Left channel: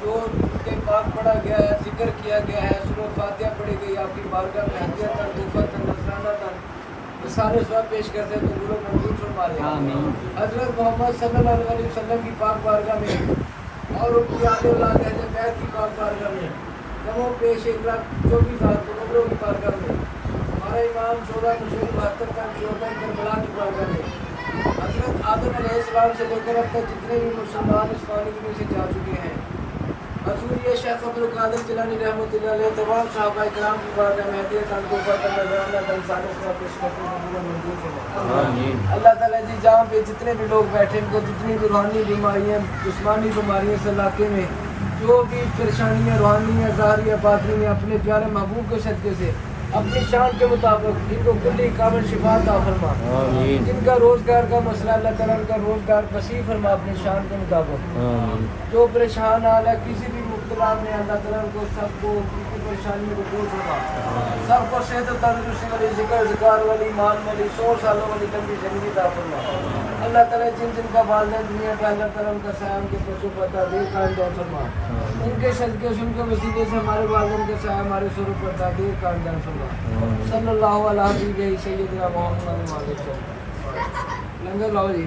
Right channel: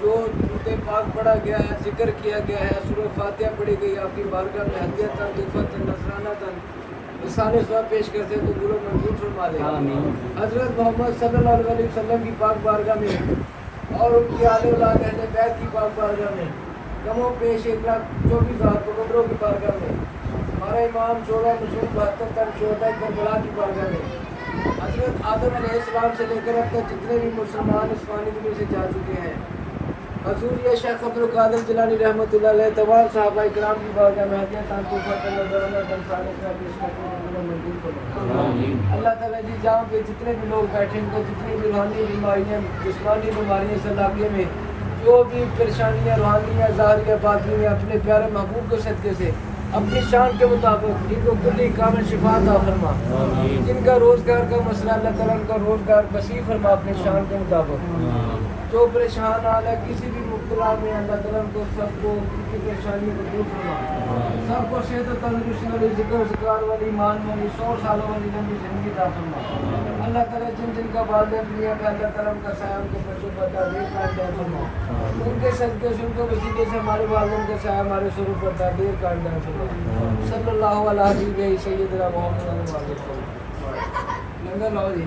जो दूध पाक पढ़ा गया है, जिक्र किया गया है, सूरह फातिहा पढ़ी गई, आपकी बारगाह में हदियतन तोहफतन नज़रानतन सारे स्वाब पेश करते हैं, तो गुरु मंजूर फरमा दे। हज़रत मोहम्मद सल्लल्लाहु अलैहि वसल्लम की पाक बारगाह में और उनकी आने वाले अहले बैत की पाक बारगाह में कमो पेश 1,24,000 कबूतरों की बारगाह में हमारा इमाम 1472 तक 14 करबला की बारगाह में हज़रत आदम अलैहिस्सलाम से लेकर अब तक जितने भी मुसलमान इस पानी दुनिया से जा चुके हैं, हज़ूर ये शेख अब्दुल कादिर जिलानी रहमतुल्लाह अलैह तमाम सहाबा किराम की बारगाह में हदियत तोहफतन नज़रानतन सारे स्वाब पेश करते हैं, मंजूर फरमाए। अल्लाह ताला जी जहाँ पे जितने भी लोग बैठे हैं, जितनी भी रूहानी बीमारियाँ जिस्मानी बीमारियाँ इस इलाके में जो भी परेशानियाँ रूहानियाँ ज़ाहिरिया बातिनी अपने प्यारे महबूब के सदक़े से अपनी शान के मुताबिक इनको कुल्ली कामिल शिफा अता फरमा। जिनका रोज़गार का मसला अल्लाह ताला उनका रोज़गार वसी फरमा अपनी शान के मुताबिक। जो परेशान हाल है किसी भी मुब्तला में अल्लाह ताला उनको सबको उनकी परेशानियों को दूर फरमा, सबको सेहत तंदुरुस्ती वाली ज़िक्र ज़िकार वाली ईमान वाली 100 सालों वाली लंबी ज़िंदगी अता फरमा। अल्लाह ताला जिनका वालिदैन दुनिया पे अल्लाह ताला उनका साया उनके बच्चों पर तादीर कर फरमा। उनके सदक़े से उनके वसीले से हमारे वालिदैन का साया हमारे स्वरूप पर तादीर कर फरमा। सल्लल्लाहु अलैहि हबीब सय्यदना मोहम्मद व अलैहि वसल्लम। लंगर लाओ जी,